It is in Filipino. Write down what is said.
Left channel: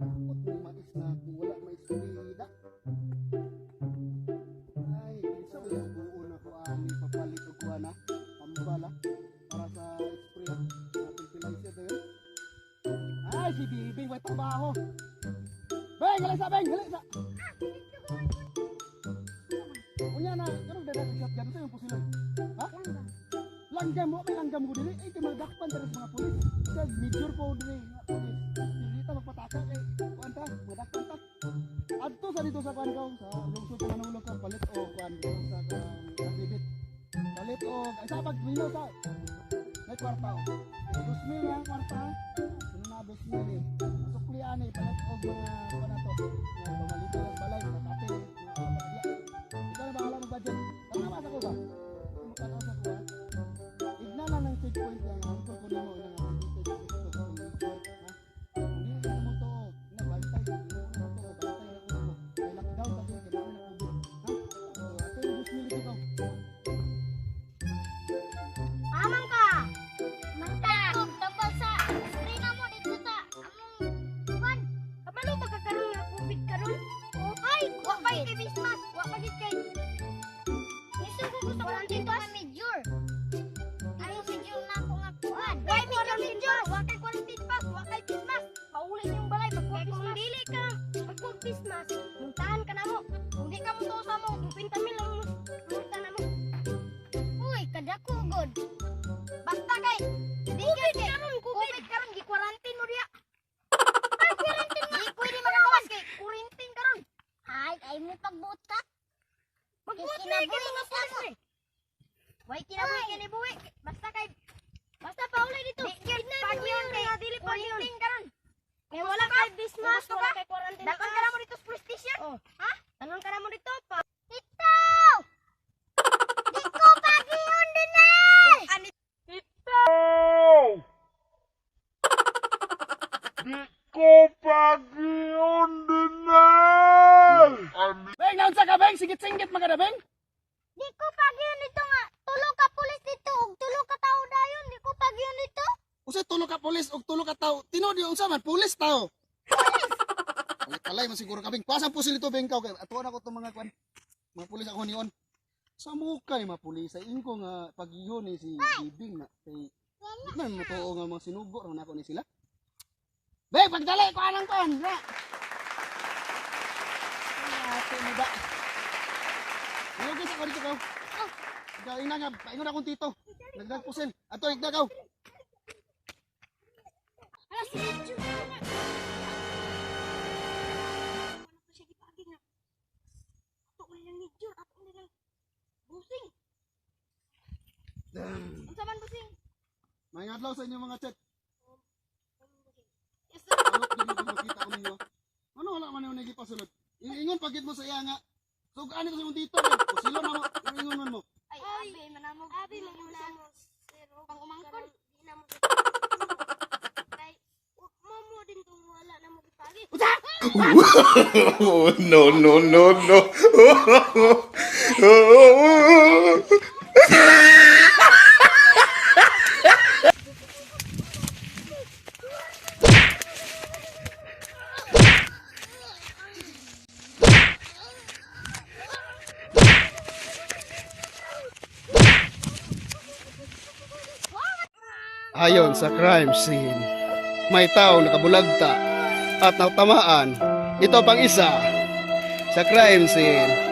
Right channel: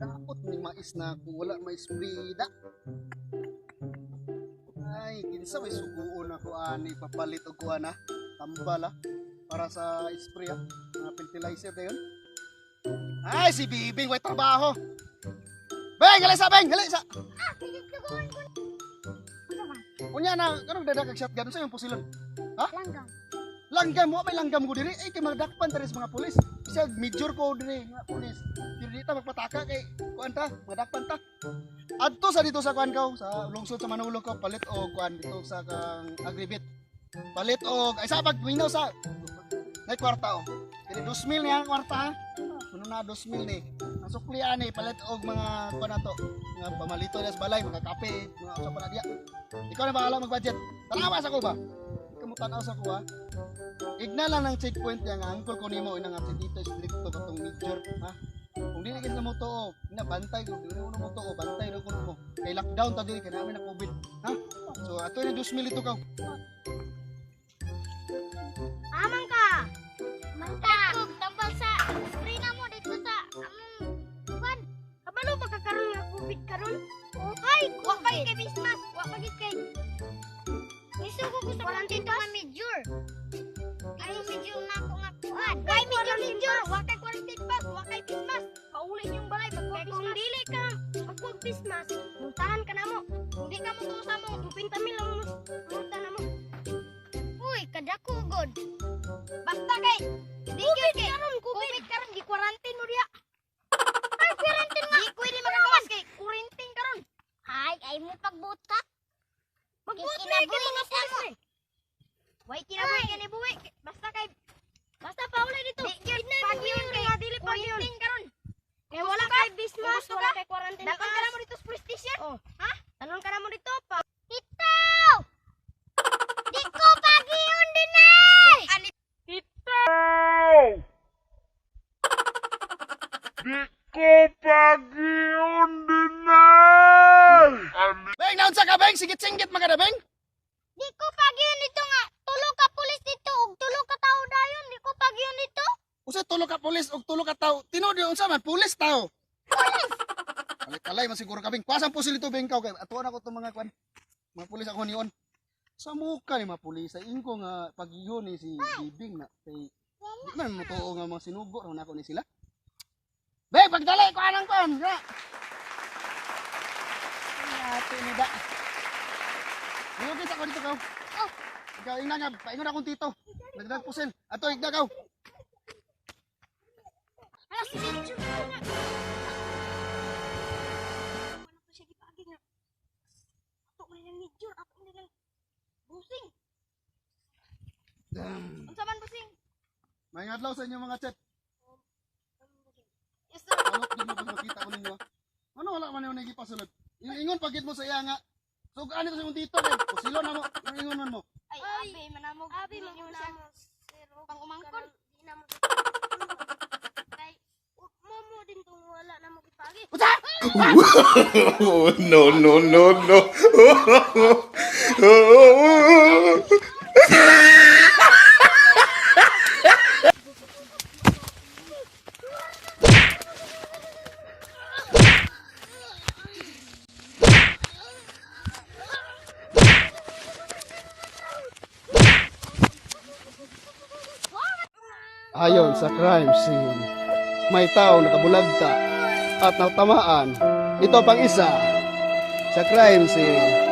Takot ni mais na ako, wala mais brida. Ay, kinsa may suguon ako ani papalit og kuan tambala para sa spray fertilizer na yun. Ay, si Bibing way trabaho. Beng, gali sa Beng, gali sa. Unya na, kanang dadak shotgun sa yung pusilon. Ha? Langgam. Langgam mo, may langgam ko diri. Ay, kay magdakpan tayo sa mga pulis. Isa, major ko diri, mga pulis. Diri ta magpataka kay kuan ta, magdakpan ta. Adto sa dito sa kuan kaw, sa lungsod sa Manulog ko, palit og kuan dito sa kang agribit. Palit og, ay sa pagminaw sa, may kwarta o. Diri 2,000 niya ang kwarta ha. Ano na 2,000 ni. Ang suklian ni, palit og mga kuan na to. Mga pamalito na sa balay, mga kape, mga sa paradya. Ikaw na bahala mag-budget. Tanawa sa ko ba? Tanaw sa kuha. Igna lang ng checkpoint niya nga angkol ko nimo ina nga dito stricto katong major ha. Kung dili kita mo tuo, ina bantay ko dili mo tuo, bantay ra ko mo. Kay lockdown ta dili kay namin na COVID, ha? So ato ni 2,000 ito ka. Amang ka. Manta. Tambal sa screen mo dito sa among kuan. Kabalo magkakaroon nga COVID karon. Ay, wa pa kay Christmas, wa pa gid kay. Nisi ko gusto quarantine pa major. Ay major na ako nga kuan. Kay major, wa kay quarantine pa, wa kay Christmas. Pauli niyong balay magkuha kung dili ka magkuha Christmas. Muntahan ka na mo. Kung di ka mo to sa mo, 50,000 lang multa na mo. Uy, kadako god. Basta kay COVID karon, COVID karon gi quarantine mo diya. Ay quarantine nga. Di pwede magawas kay quarantine karon. Ay mo pagbutak. Magbuti na buwi na sa mo. Why kinabuhi kini buwi? Basta paulay dito. Pagyon kay dili pagyon karon. Kay wala kay Christmas, wala kay quarantine. Dapat ka mo dito sa police station. Oh. Ha? Tanon ka mo dito pa. Ito. Di ko pagyon din ay. Ito! Di ko pagyon dinay! Beng, naunsa ka Beng? Sigit-singgit magada Beng. Di ko pagyon dito nga. Tulo ka pulis dito ug tulo ka tao dayon. Di ko pagyon dito. Usa tulo ka pulis og tulo ka tawo. Tinuod unsa man pulis tao. Kalay man siguro ka Beng. Pasang pusil ito Beng kaw kay atuan ako tong mga kwan. Mga pulis ako niyon. Sa muka ni mga pulis sa ingko nga pagiyon ni si Bibing na kay di man mo tuo nga mga sinugo ra nako ni sila. Beng, pagdali ko anang kon. Ate ni ba? Ano kita ko dito kaw? Oh. Ikaw ingna nga, paingon akong tito. Nagdag pusil. Ato igna kaw. Ala si Jun. Ano pa siya gipagi nga. Ato man lang ni Jun, ato man lang busing. Unsa man busing? May adlaw sa inyo mga chat. Yes sir. Ano din mo makita ko ninyo? Ano wala man yung nagipasulod? Ingon pagit mo sa iya nga. So ano to sa imong tito eh. Pusilo na mo. Ingon mo. Ay, abi manamog. Abi manamog. Pang umangkon. Di na mo. Kay mo din tong wala na mo gipagi. Oh, no, no, no, no. Ayon sa crime scene, may tao nakabulagta at natamaan. Ito pang isa sa crime scene.